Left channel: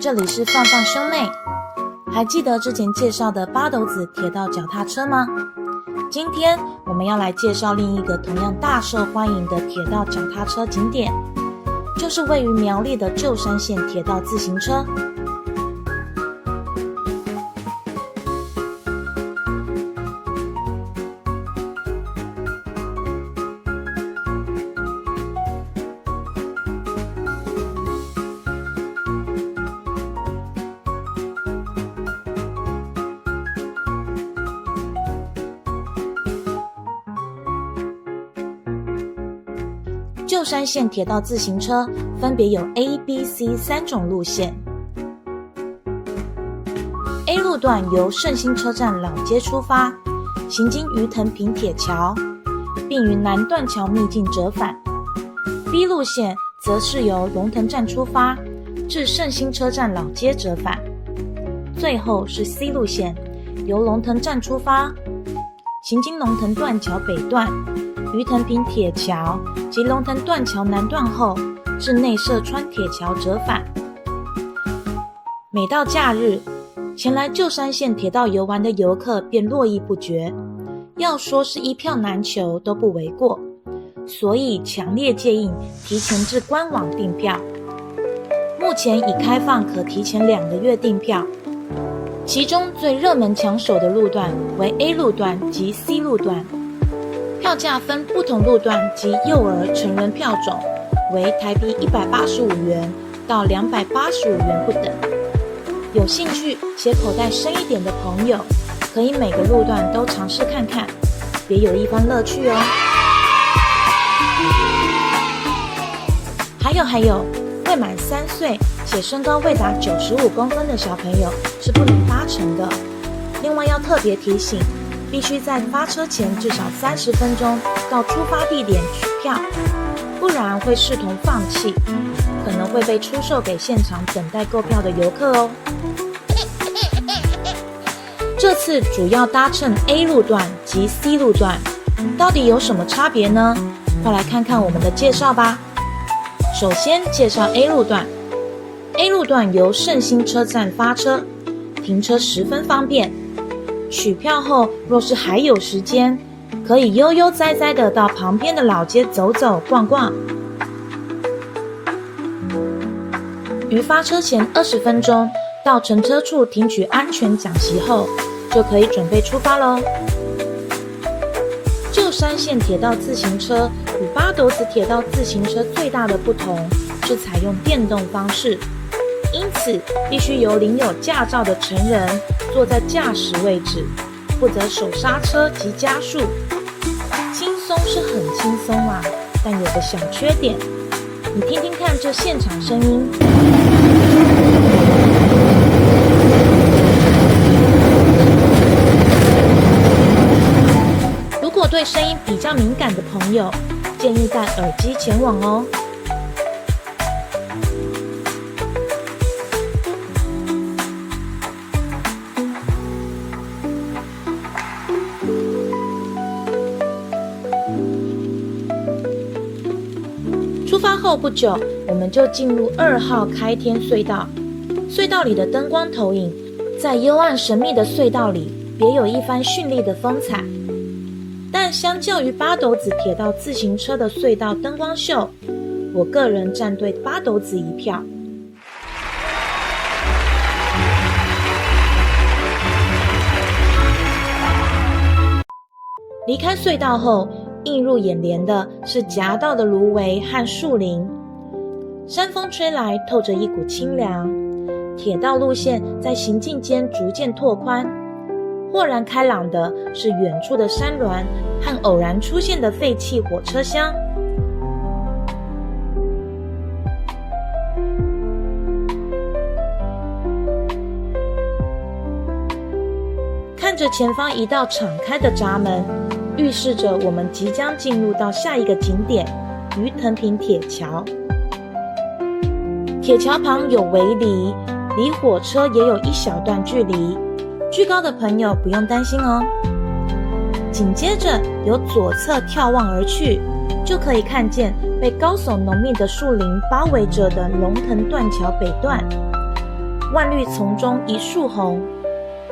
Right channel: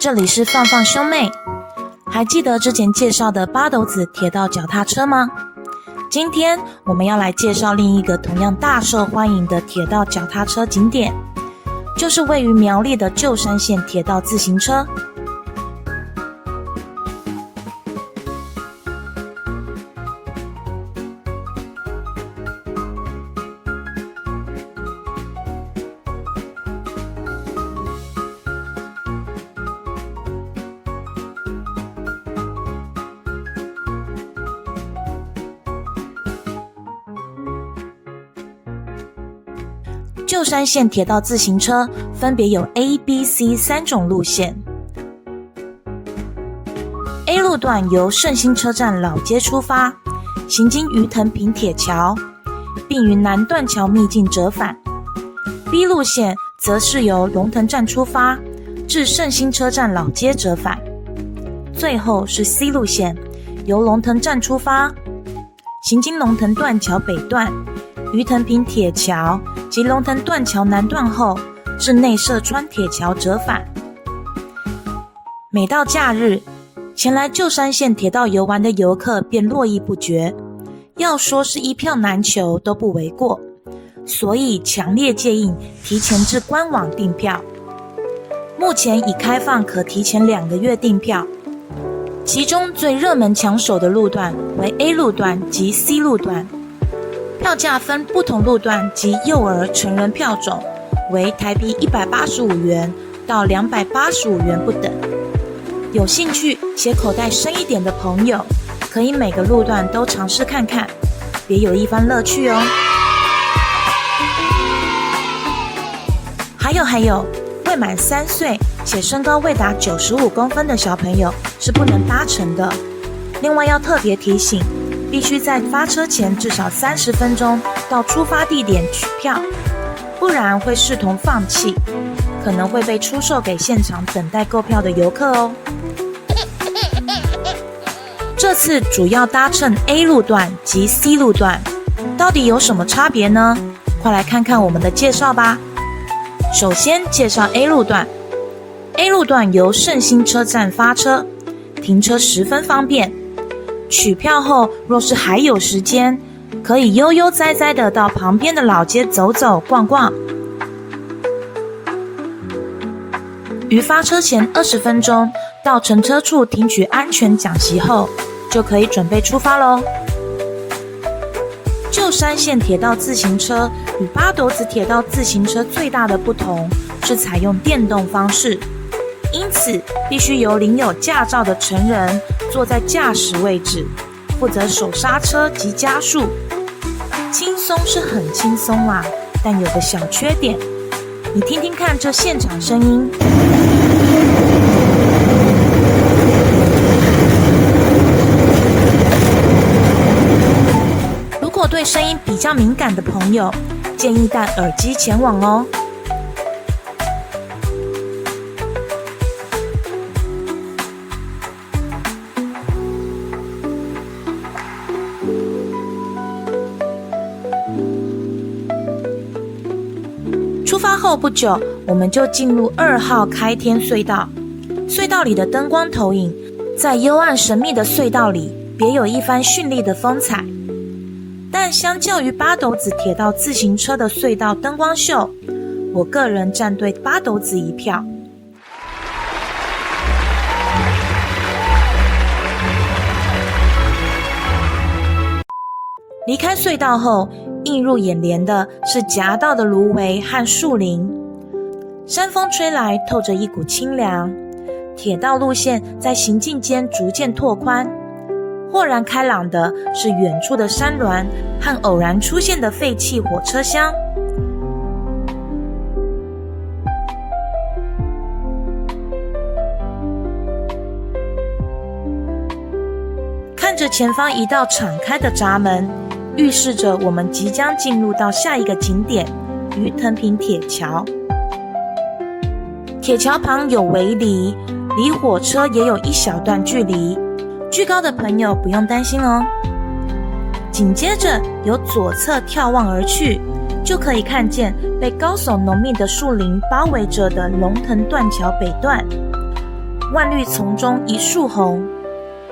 这里是放放兄妹。还记得之前介绍的八斗子铁道脚踏车吗？今天我们要来介绍另一个同样大受欢迎的铁道脚踏车景点，就是位于苗栗的旧山线铁道自行车。旧山线铁道自行车分别有 A、B、C 三种路线。A 路段由圣心车站老街出发，行经鱼藤坪铁桥，并于南断桥秘境折返。B 路线则是由龙腾站出发，至圣心车站老街折返。最后是 C 路线，由龙腾站出发，行经龙腾断桥北段、鱼藤坪铁桥及龙腾断桥南段后，至内社川铁桥折返。每到假日，前来旧山线铁道游玩的游客便络绎不绝，要说是一票难求都不为过，所以强烈建议提前至官网订票。目前已开放可提前2个月订票，其中最热门抢手的路段为 A 路段及 C 路段。票价分不同路段及幼儿、成人票种，为台币185元到285元不等。有兴趣且口袋深一点的朋友，可以每个路段都尝试看看，别有一番乐趣哦。还有，未满3岁且身高未达95公分的小朋友是不能搭乘的。另外要特别提醒，必须在发车前至少30分钟到出发地点取票，不然会视同放弃，可能会被出售给现场等待购票的游客哦。这次主要搭乘 A 路段及 C 路段，到底有什么差别呢？快来看看我们的介绍吧。首先介绍 A 路段。A 路段由圣心车站发车，停车十分方便。取票后，若是还有时间，可以悠悠哉哉的到旁边的老街走走逛逛。于发车前20分钟到乘车处听取安全讲习后，就可以准备出发咯。旧山线铁道自行车与八斗子铁道自行车最大的不同是采用电动方式，因此必须由领有驾照的成人坐在驾驶位置，负责手刹车及加速。轻松是很轻松啦，但有个小缺点，你听听看这现场声音。如果对声音比较敏感的朋友，建议戴耳机前往哦。出发后不久，我们就进入2号开天隧道。隧道里的灯光投影，在幽暗神秘的隧道里，别有一番绚丽的风采。但相较于八斗子铁道自行车的隧道灯光秀，我个人站对八斗子一票。离开隧道后，映入眼帘的是夹道的芦苇和树林，山风吹来，透着一股清凉。铁道路线在行进间逐渐拓宽，豁然开朗的是远处的山峦和偶然出现的废弃火车厢。看着前方一道敞开的闸门，预示着我们即将进入到下一个景点——鱼藤坪铁桥。铁桥旁有围篱，离火车也有一小段距离，惧高的朋友不用担心哦。紧接着由左侧眺望而去，就可以看见被高耸浓密的树林包围着的龙腾断桥北段。万绿丛中一树红，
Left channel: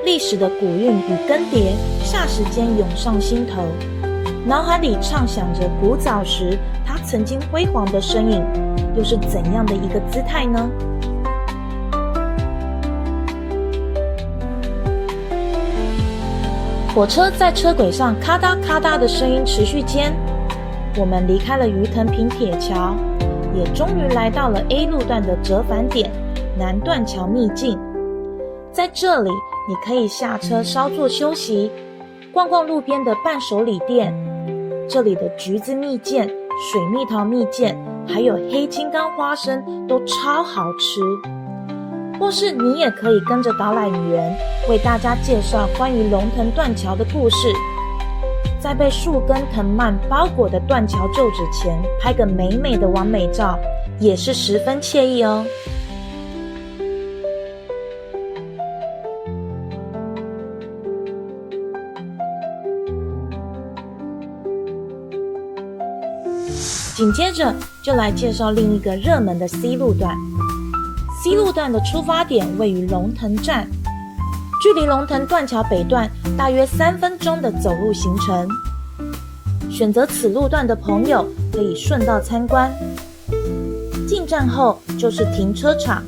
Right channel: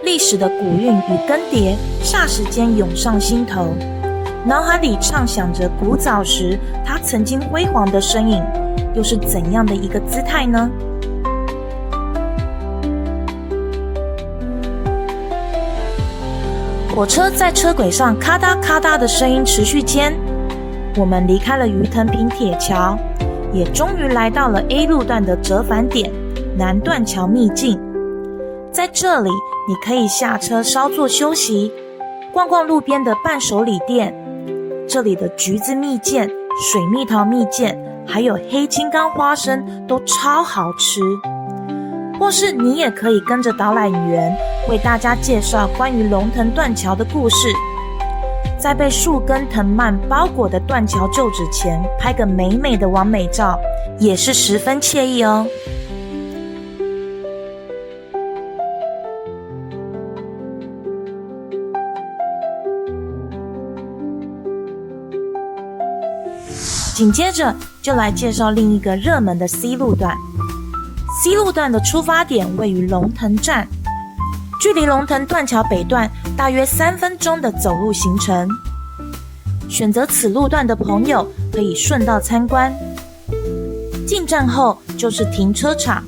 历史的古韵与更迭霎时间涌上心头，脑海里畅想着古早时它曾经辉煌的身影，又是怎样的一个姿态呢？火车在车轨上咔嗒咔嗒的声音持续间，我们离开了鱼藤坪铁桥，也终于来到了 A 路段的折返点南断桥秘境。在这里，你可以下车稍作休息，逛逛路边的伴手礼店。这里的橘子蜜饯、水蜜桃蜜饯，还有黑金刚花生都超好吃。或是你也可以跟着导览员为大家介绍关于龙腾断桥的故事，在被树根藤蔓包裹的断桥旧址前拍个美美的完美照，也是十分惬意哦。紧接着就来介绍另一个热门的 C 路段。C 路段的出发点位于龙腾站，距离龙腾断桥北段大约3分钟的走路行程。选择此路段的朋友可以顺道参观。进站后就是停车场，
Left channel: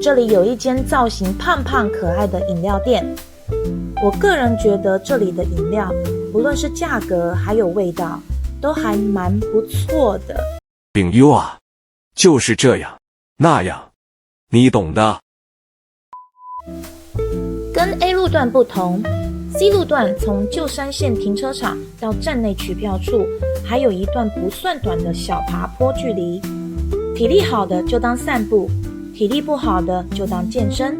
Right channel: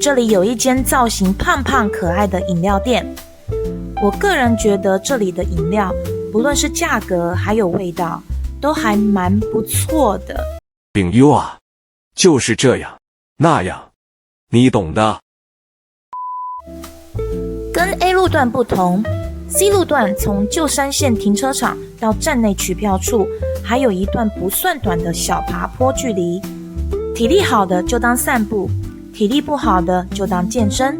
这里有一间造型胖胖可爱的饮料店。我个人觉得这里的饮料不论是价格还有味道都还蛮不错的。朋友啊，就是这样那样，你懂的。跟 A 路段不同， C 路段从旧山线停车场到站内取票处还有一段不算短的小爬坡距离，体力好的就当散步，体力不好的就当健身。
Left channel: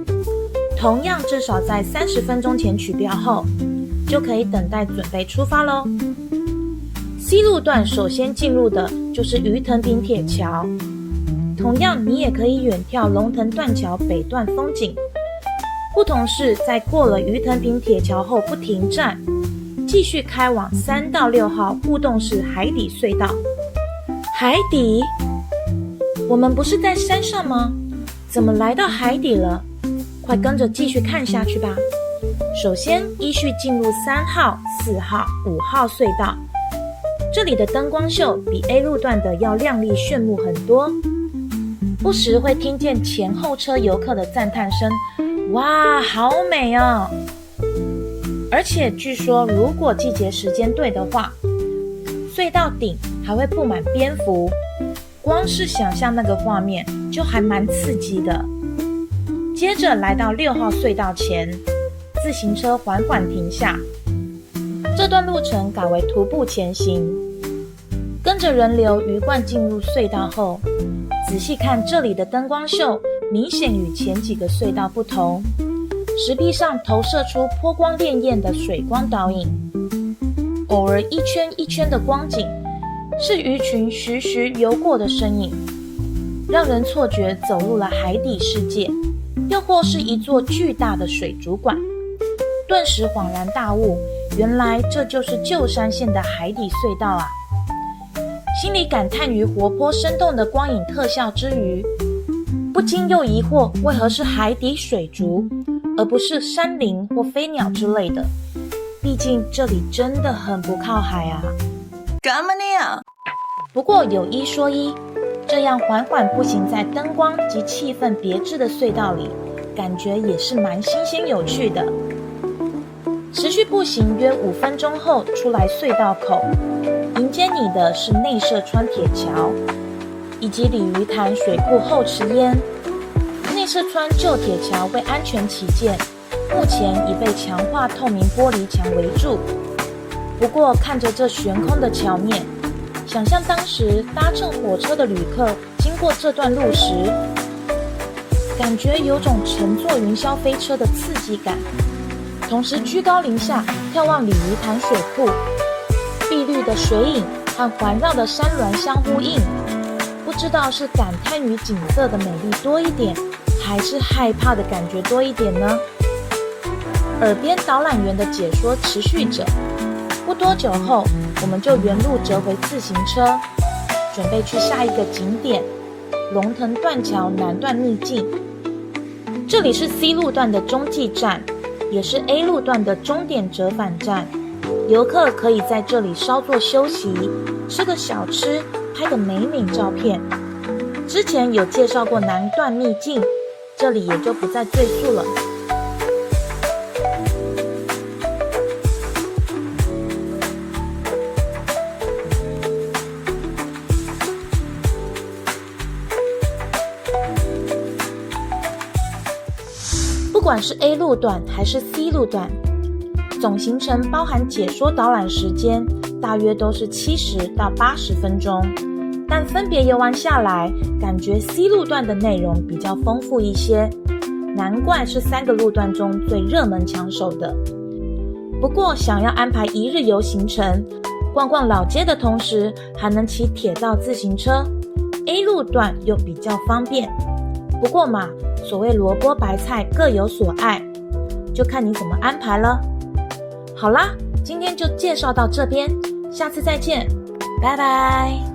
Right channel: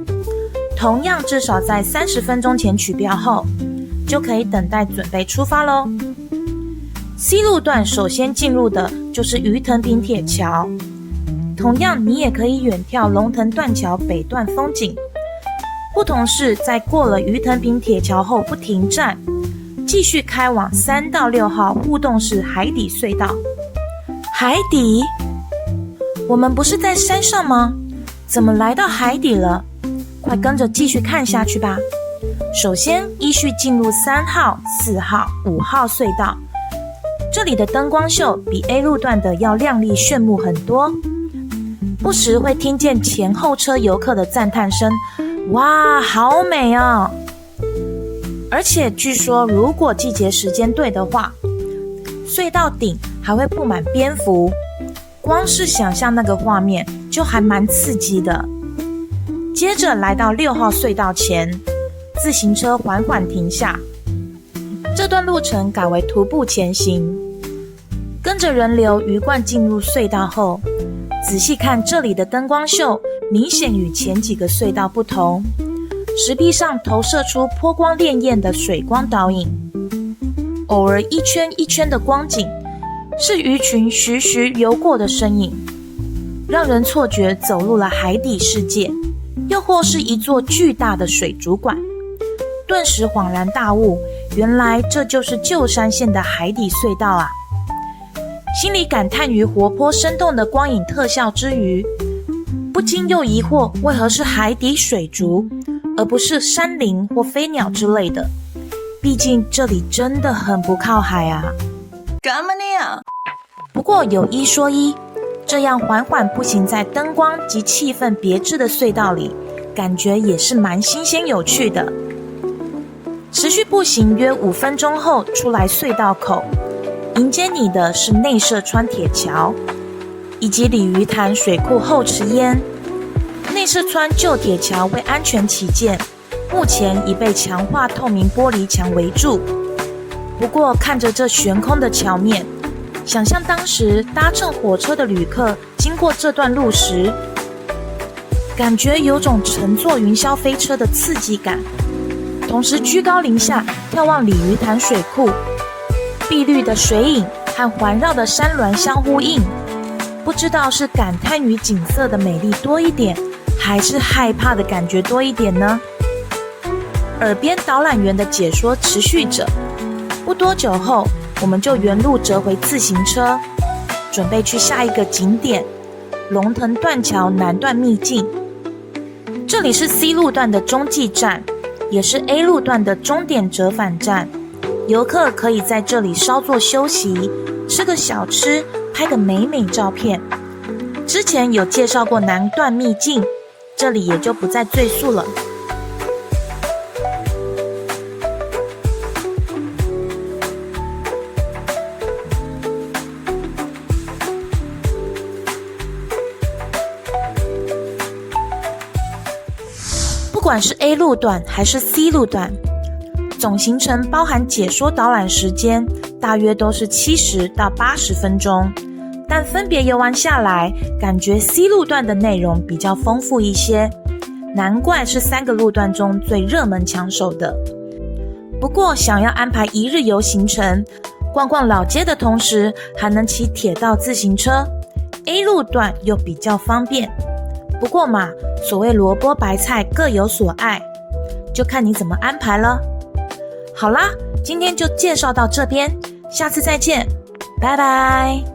同样至少在30分钟前取票后，就可以等待准备出发咯。C 路段首先进入的就是鱼藤坪铁桥，同样你也可以远眺龙腾断桥北段风景。不同是在过了鱼藤坪铁桥后不停站，继续开往3到6号互动式海底隧道。海底？我们不是在山上吗？怎么来到海底了？快跟着继续看下去吧。首先依序进入3号、4号、5号隧道，这里的灯光秀比 A 路段的要亮丽炫目很多，不时会听见前后车游客的赞叹声，哇，好美哦！而且据说如果季节时间对的话，隧道顶还会布满蝙蝠，光是想象那个画面就还蛮刺激的。接着来到6号隧道前，自行车缓缓停下，这段路程改为徒步前行。跟着人流鱼贯进入隧道后，仔细看这里的灯光秀明显与前几个隧道不同，石壁上投射出波光潋滟的水光倒影，偶尔一圈一圈的光景是鱼群徐徐游过的身影，让人错觉走入了海底世界，又或是一座巨大的水族馆。顿时恍然大悟，原来这就是旧山线的海底隧道啊！心里感叹于活泼生动的光影特效之余，不禁又疑惑为何是海底水族，而不是山林或飞鸟之类的。毕竟这里真的很不靠海啊。干嘛呢？不过有一说一，这样缓缓步行在灯光及气氛别致的隧道里，感觉也是蛮新鲜有趣的。持续步行约5分钟后，出来隧道口，迎接你的是内社川铁桥以及鲤鱼潭水库后池淹。内社川旧铁桥为安全起见，目前已被强化透明玻璃墙围住。不过看着这悬空的桥面，想象当时搭乘火车的旅客经过这段路时，感觉有种乘坐云霄飞车的刺激感。同时居高临下眺望鲤鱼潭水库，碧绿的水影和环绕的山峦相呼应，不知道是感叹于景色的美丽多一点，还是害怕的感觉多一点呢？耳边导览员的解说持续着，不多久后，我们就原路折回自行车，准备去下一个景点龙腾断桥南段秘境。这里是 C 路段的中继站，也是 A 路段的终点折返站。游客可以在这里稍作休息，吃个小吃，拍个美美照片。之前有介绍过南段秘境，这里也就不再赘述了。不管是 A 路段还是 C 路段，总行程包含解说导览时间大约都是70到80分钟，但分别游玩下来，感觉 C 路段的内容比较丰富一些，难怪是3个路段中最热门抢手的。不过想要安排一日游行程，逛逛老街的同时还能骑铁道自行车， A 路段又比较方便。不过嘛，所谓萝卜白菜各有所爱，就看你怎么安排了。好啦，今天就介绍到这边，下次再见，拜拜。